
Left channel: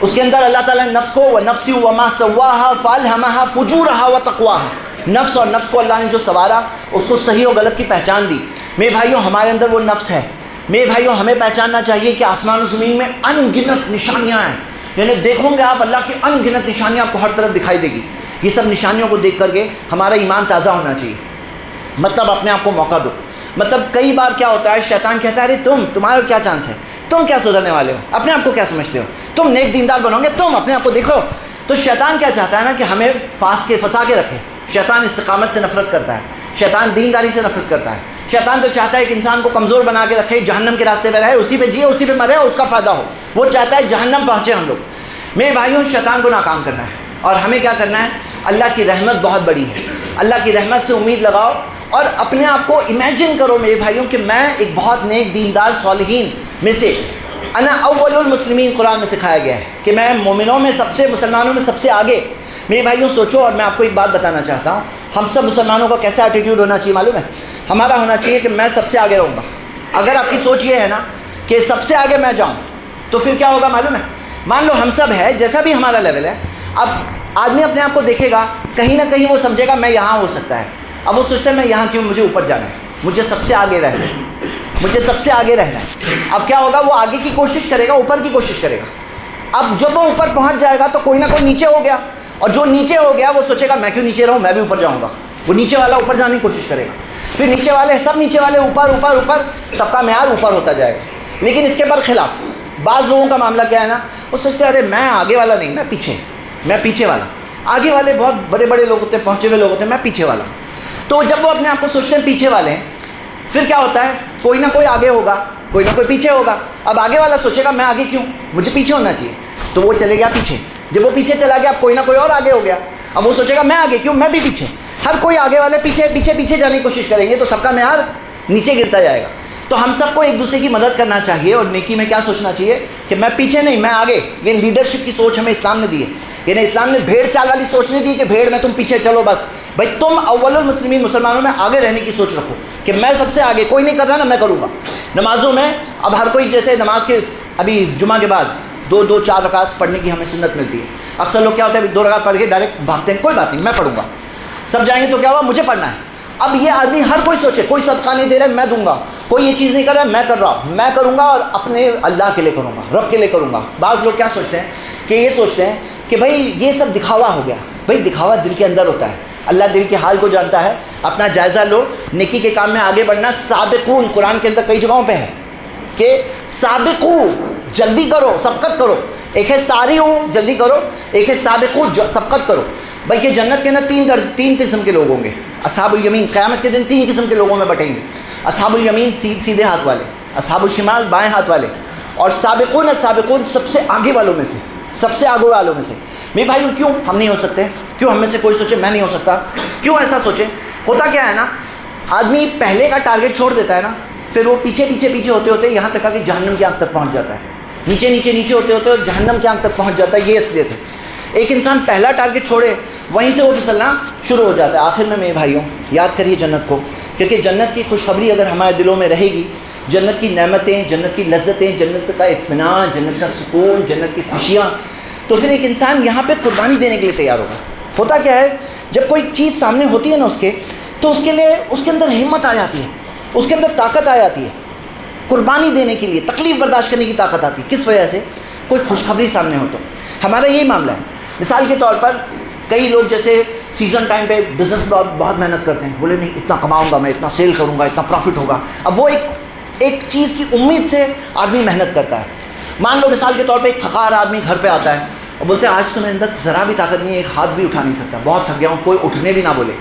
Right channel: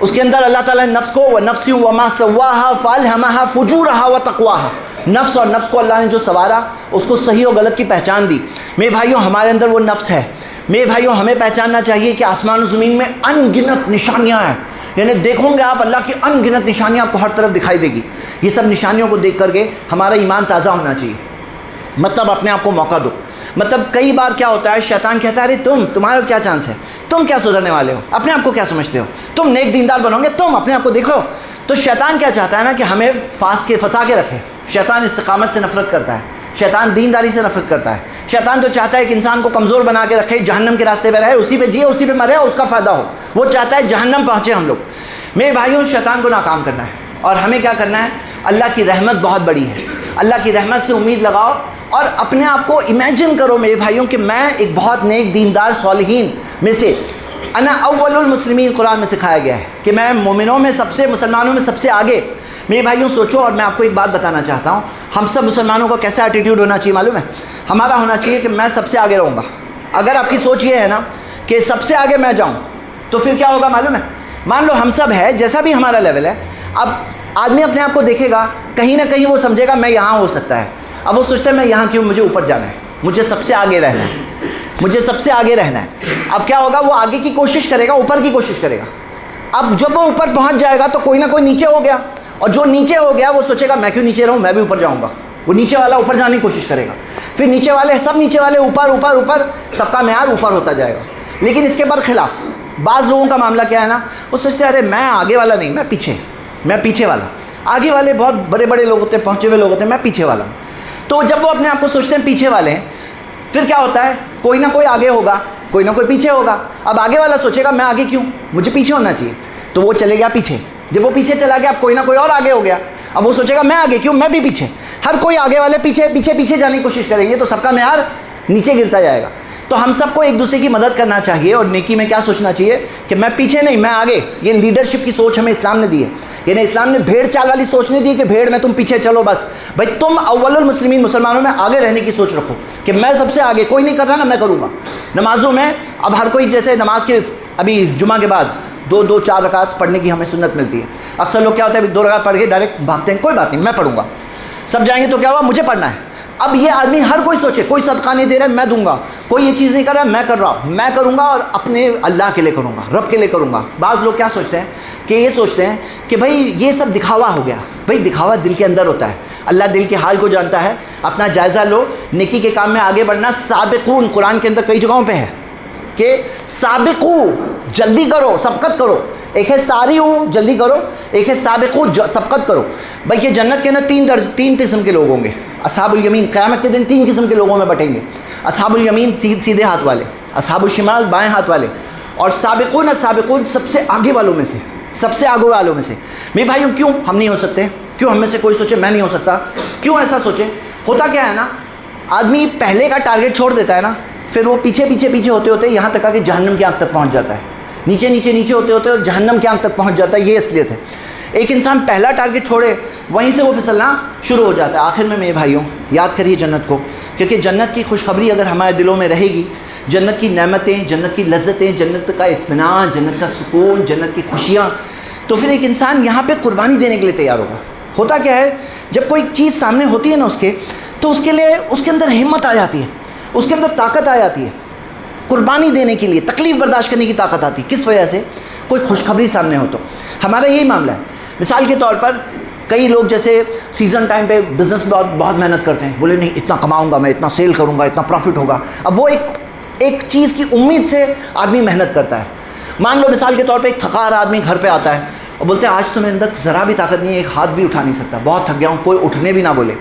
اس کے اندر اللہ تعالیٰ نے نفس کو وَنَفْسِ وَمَا سَوَّاهَا فَأَلْهَمَهَا فُجُورَهَا وَتَقْوَاهَا، نفس اور نفس کو اللہ نے جو سوارا اس کو صحیح اور غلط کی پہچان دی. میرے بھائیوں ہمارے اندر وہ نفس ہے. میرے بھائیوں ہمیں پہچاننا چاہیے کہ آسمان و زمین میں ان گنت نشانیاں ہیں. یعنی دیکھو گے آپ اللہ کی ان گنت نشانیاں آپ کو ہر طرف دکھائی دے گی. یہ سب نشانیوں کو دیکھ کر کے ہمارا ایمان تازہ ہونا چاہیے. مطلب اپنے آپ کو موقع دو. مطلب کئی بار کیا ہوتا ہے، شیطان کہتا ہے ارے تمہارا کیا چانس ہے، تم کیا سدھرنے والے ہو، اپنے آپ کو کیا سمجھتے ہو، تم نیک دیندار بنو گے، تم اپنے آپ کو دیکھو. تو شیطان کیا چاہتا ہے نا کہ ہمیں پھنسا کے رکھے. شیطان استقامت سے نفرت کرتا ہے، شیطان دینداری سے نفرت کرتا ہے. شیطان تو چاہتا ہے کہ انسان کو کمزور بنا کے رکھے، جہنم کے راستے پہ رہے، اسی پہ جیے، اسی پہ مرے اور اس کا فائدہ ہو. وہ چاہتا ہے جہنم پہنچے ہم لوگ. میرے بھائیوں شیطان کو ناکام کرنا ہے. اور ہمیں کیا کرنا ہے، اللہ کی رحمت بہت بڑی ہے. اللہ کی رحمت سے امید لگاؤ اور اپنے آپ کو امیجن کرو میرے بھائیوں کہ میں ایک بہت نیک دیندار صالحین میں سے، انا اول المسلمین قرآن میں سکھایا گیا ہے کہ میں مومنوں میں سب سے، مسلمانوں میں سب سے آگے. میرے بھائیوں سوچو. اور میں آپ کو ایک بات بتانا چاہتا ہوں، ہم سب مسلمانوں کا کیسا ایٹیٹیوڈ ہونا چاہیے معلوم ہے؟ ہمارا ہونا چاہیے کہ میں سب سے آگے رہوں گا. اگر آپ کی سوچ یہ ہے نا کہ سب سے آگے میں جاؤں تو پھر کیا ہوگا معلوم ہے؟ مان لو ہم سب ہے، جیسا بھی ہمارا لیول ہے، اب آدمی اپنے آپ کو دیکھے گا، کہیں نہ کہیں وہ سمجھے گا میں یہاں ہو سکتا ہے. اب وہ سوچتا ہے میں یہاں کیوں، مجھے اوپر جانا ہے، مجھے سب سے آگے رہنا ہے، مجھے سب سے آگے رہنا ہے. اب کیا ہوگا، وہ آگے کی کوشش کرے گا، اوپر کی کوشش کرے گا. اب جب وہ اوپر پہنچ جائے گا تو کوئی نہ کوئی نیچے ہو گیا، اور جو نیچے ہو گیا وہ سوچے گا میں کیوں نیچے رہوں، میں بھی اوپر جاؤں گا. وہ نیچے والا اوپر جانے کی کوشش کرے گا. پھر نیچے والے اوپر اوپر اوپر، سب کا معیار اوپر ہوتا جائے گا. لیکن اس کے برخلاف بعض لوگوں کا معاملہ کیا ہے نا، وہ سوچتے ہیں ارے میں آگے والا نہیں، میں پیچھے والا. آگے والے بہت بڑے بڑے لوگ ہوتے ہیں، پہنچے ہوئے لوگ ہوتے ہیں، میں پیچھے والا ہوں. تو جب وہ اپنے آپ کو سوچتے ہیں پیچھے والے ہیں، پھر کیا ہوتا ہے، کوئی نہ کوئی آگے ہوگا، کوئی نہ کوئی پیچھے ہوگا. اب آگے والا سوچے گا میں آگے کیوں، مجھے پیچھے ہونا چاہیے، تو وہ چلے گیا پیچھے. جب وہ پیچھے چلا گیا، اب کوئی نہ کوئی اور آگے ہو گیا، اب وہ سوچے گا میں آگے کیوں، میں بھی پیچھے. ہر کوئی آگے والے پیچھے پیچھے پیچھے جانے کی کوشش کریں گے تو سب کا معیار نیچے گرتا جائے گا. تو ہم سب کو ایک دوسرے کی مدد کرنا چاہیے، اور نیکی میں کیا سوچنا چاہیے کہ میں پیچھے نہیں، میں آگے. یہ لیڈرشپ کی سوچ ہمیں اسلام نے دی ہے. یعنی اسلام نے بھیڑ چال والی سوچ نہیں دی کہ بھیڑ میں تم پیچھے چلو بس. بھائی تم اول المسلمین، مسلمانوں میں آگے رہنے کی سوچ رکھو کہ میں سب سے آگے، کوئی نہیں کر رہا نا میں کروں گا. نمازوں میں اب ہر کوئی، جیسے نماز کے ابھی جمعہ کے بعد 2-4 رکعت پڑھنے کی ہمیں سنت ملتی ہے. اکثر لوگ کیا ہوتا ہے 2 رکعت پڑھ کے ڈائریکٹ بھاگتے ہیں، کوئی بات نہیں میں پڑھوں گا، سب جائیں گے تو کیا ہوا، مجھے پڑھنا ہے. اب یہ آدمی ہر کوئی سوچے، کوئی صدقہ نہیں دے رہا میں دوں گا، کوئی یہ چیز نہیں کر رہا میں کر رہا، میں کروں گا اور اپنے اللہ کے لیے کروں گا، رب کے لیے کروں گا. بعض لوگ کیا سوچتے ہیں کہ یہ سوچتے ہیں کہ بھائی یہ سب دکھاوا ہو گیا. بھائی دکھاوا دل کے اندر ہوتا ہے، اللہ دل کے حال کو جانتا ہے. اپنا جائزہ لو، نیکی کے کام میں آگے بڑھنا. سابقون قرآن کے اندر کئی جگہوں پہ ہے کہ سابقو جلدی کرو، سبقت کرو. ایک ہے ساریو جلدی کرو، ایک ہے سابقو سبقت کرو. بھائی کہ جنت کے اندر 3 قسم کے لوگ ہوں گے. اصحاب الیمین قیامت کے دن 3 قسم کے لوگوں میں بٹیں گے. اصحاب الیمین سیدھے ہاتھ والے، اصحاب الشمال بائیں ہاتھ والے، اور سابقون السابقون سب سے آگے والوں میں سے، سب سے آگے والوں میں سے. میرے بھائیوں کیوں ہم نہیں ہو سکتے؟ کیوں ہم میں سے کوئی سوچے میں نہیں ہو سکتا؟ کیوں ایسا سوچے؟ ہوتا کیا ہے نا، آدمی پہلے کا ٹارگیٹ چھوڑ دیتا ہے نا، پھر وہ پیچھے پیچھے پیچھے ہوتے ہوتے یہاں تک کہ جہنم کی آنکھ تک پہنچ جاتا ہے. نیچے نیچے نیچے ہوتے ہوتے جہنم کی آنکھ تک پہنچ جاتا ہے. یہ اصلیت ہے. ایک انسان پہلا ٹارگیٹ چھوڑے وہیں سے وہ پھسلنا شروع ہو جاتا ہے. آخر میں میرے بھائیوں یاد کریے جنت کو، کیونکہ جنت کی خوشخبری اگر ہمارے دلوں میں رہے گی، جنت کی نعمتیں، جنت کی لذتیں، جنت کا اطمینان، جنت کا سکون، جنت کی خوشیاں، تو پھر ایک انسان یہاں پہ قربانی دینے کے لیے تیار ہوگا. ہوتا کیا ہے، جب کوئی چیز سامنے ہوتی ہے نا اس کے، تو اس کے لیے اس کے اندر ہمت آ جاتی ہے، اس کے اندر طاقت آ جاتی ہے قربانی دینے کے لیے، تکلیف برداشت کرنے کی طاقت آتی ہے. کس وجہ سے؟ کوئی خوشخبری سامنے ہو تو. ہمارا یہی معاملہ ہے. مثال کے طور پر کئی لوگ جیسے سیزن ٹائم پہ بزنس بہت محنت کرتے ہیں، بولے نہیں اتنا کماؤں گا میں، اتنا سیل کروں گا، اتنا پروفٹ ہوگا. اب وہ ایک چیز کی امید سے آدمی محنت کرتا ہے. مان لو مثال کے طور پہ ایک تھکا رہا آدمی گھر پہ آتا ہے اور بولتے ہیں آج تو میرے اندر ذرا بھی طاقت نہیں ہے، ایک ہاتھ بھی اٹھا نہیں سکتا، بہت تھک گیا ہوں، کوئی اٹھنے بھی نہ بولے.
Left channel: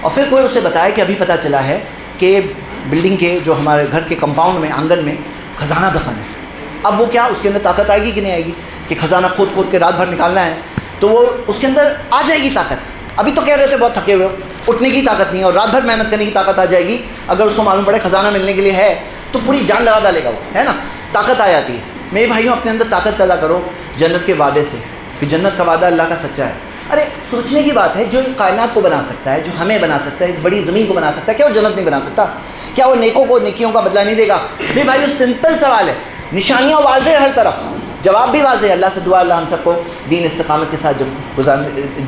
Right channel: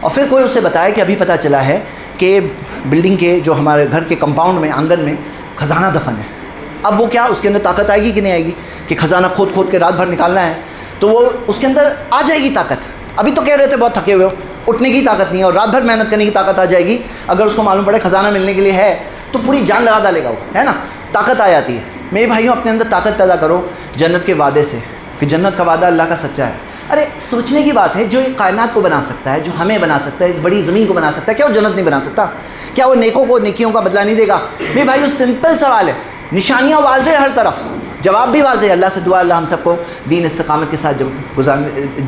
اور پھر کوئی اسے بتایا کہ ابھی پتہ چلا ہے کہ بلڈنگ کے جو ہمارے گھر کے کمپاؤنڈ میں آنگن میں خزانہ دفن ہے. اب وہ کیا، اس کے اندر طاقت آئے گی کہ نہیں آئے گی کہ خزانہ کھود کھود کے رات بھر نکالنا ہے؟ تو وہ اس کے اندر آ جائے گی طاقت. ابھی تو کہہ رہے تھے بہت تھکے ہوئے ہو، اٹھنے کی طاقت نہیں ہے، اور رات بھر محنت کرنے کی طاقت آ جائے گی. اگر اس کو معلوم پڑے خزانہ ملنے کے لیے ہے تو پوری جان لگا ڈالے گا وہ، ہے نا. طاقت آ جاتی ہے. میرے بھائیوں اپنے اندر طاقت پیدا کرو جنت کے وعدے سے، کہ جنت کا وعدہ اللہ کا سچا ہے. ارے سوچنے کی بات ہے، جو کائنات کو بنا سکتا ہے، جو ہمیں بنا سکتا ہے، اس بڑی زمین کو بنا سکتا ہے، کیا وہ جنت نہیں بنا سکتا؟ کیا وہ نیکوں کو نیکیوں کا بدلہ نہیں دے گا؟ میرے بھائیوں سمپل سوال ہے، نشانیاں واضح ہر طرف، جواب بھی واضح. اللہ سے دعا اللہ ہم سب کو دین استقامت کے ساتھ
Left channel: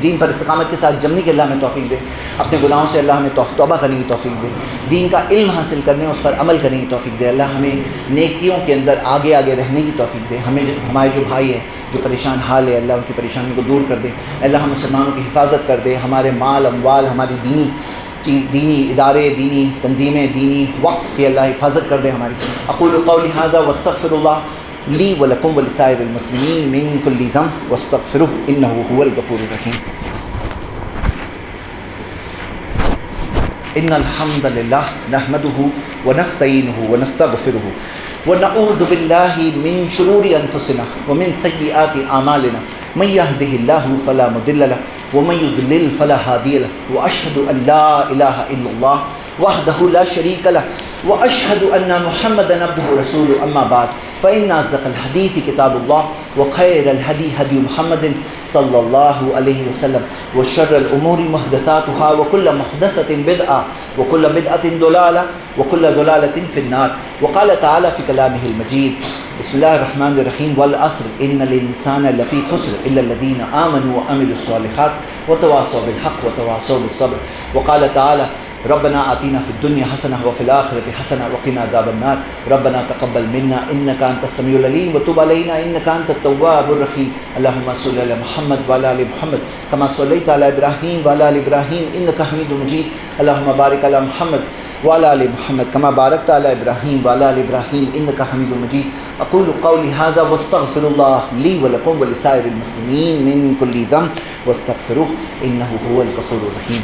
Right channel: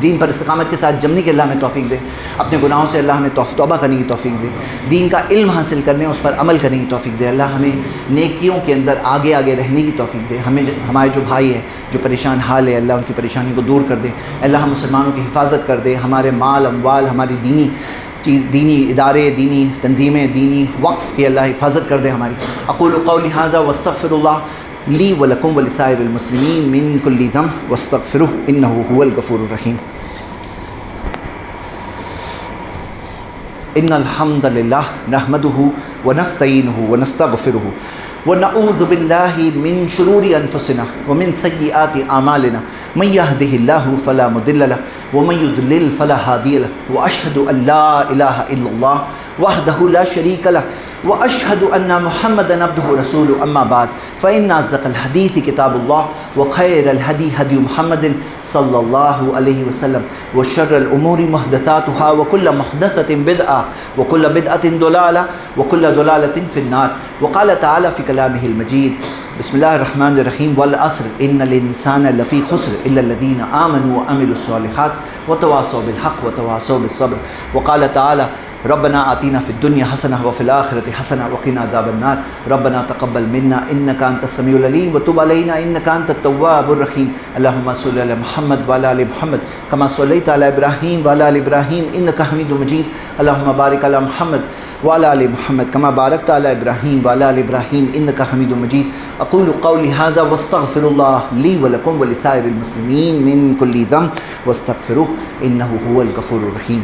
دین پر استقامت کے ساتھ جمنے کی اللہ ہمیں توفیق دے. اپنے گناہوں سے اللہ ہمیں توبہ کرنے کی توفیق دے. دین کا علم حاصل کرنے، اس پر عمل کرنے کی توفیق دے. اللہ ہمیں نیکیوں کے اندر آگے آگے رہنے کی توفیق دے. ہمارے جو بھائی ہیں جو پریشان حال ہے، اللہ ان کی پریشانی کو دور کر دے. اللہ ہم مسلمانوں کی حفاظت کر دے. ہمارے مال اموال، ہماری دینی ادارے، دینی تنظیمیں، دینی وقف کی اللہ حفاظت کر دے ہماری. اقول قولی ھذا واستغفر اللہ لی ولکم ولسائر المسلمین من کل ذنب واستغفروہ انہ هو الغفور الرحیم. ان الحمد للہ نحمدہ ونستعینہ ونستغفرہ ونعوذ باللہ من شرور انفسنا ومن سیئات اعمالنا من يهده الله فلا مضل له ومن يضلل فلا هادي له واشهد ان لا اله الا الله وحده لا شريك له واشهد ان محمدا عبده ورسوله. اما بعد فان اصدق الحديث كتاب الله وخير الهدي هدي محمد صلى الله عليه وسلم وشر الامور محدثاتها وكل محدثة بدعة وكل بدعة ضلالة وكل ضلالة في النار. وقال تعالى في كلامه المجيد بسم الله الرحمن الرحيم والعصر ان الانسان لفي خسر الا الذين امنوا وعملوا الصالحات وتواصوا بالحق وتواصوا بالصبر. وقال تعالى ربنا آتنا في الدنيا حسنة وفي الآخرة حسنة وقنا عذاب النار. ربنا تقبل منا إنك أنت السميع العليم وتب علينا إنك أنت التواب الرحيم. اللهم صل على محمد وعلى آل محمد كما صليت على إبراهيم وعلى آل إبراهيم إنك حميد مجيد. اللهم بارك على محمد وعلى آل محمد كما باركت على إبراهيم وعلى آل إبراهيم إنك حميد مجيد. أقول قولي هذا واستغفر الله لي ولكم ولسائر المسلمين من كل ذنب واستغفروه إنه هو الغفور الرحيم.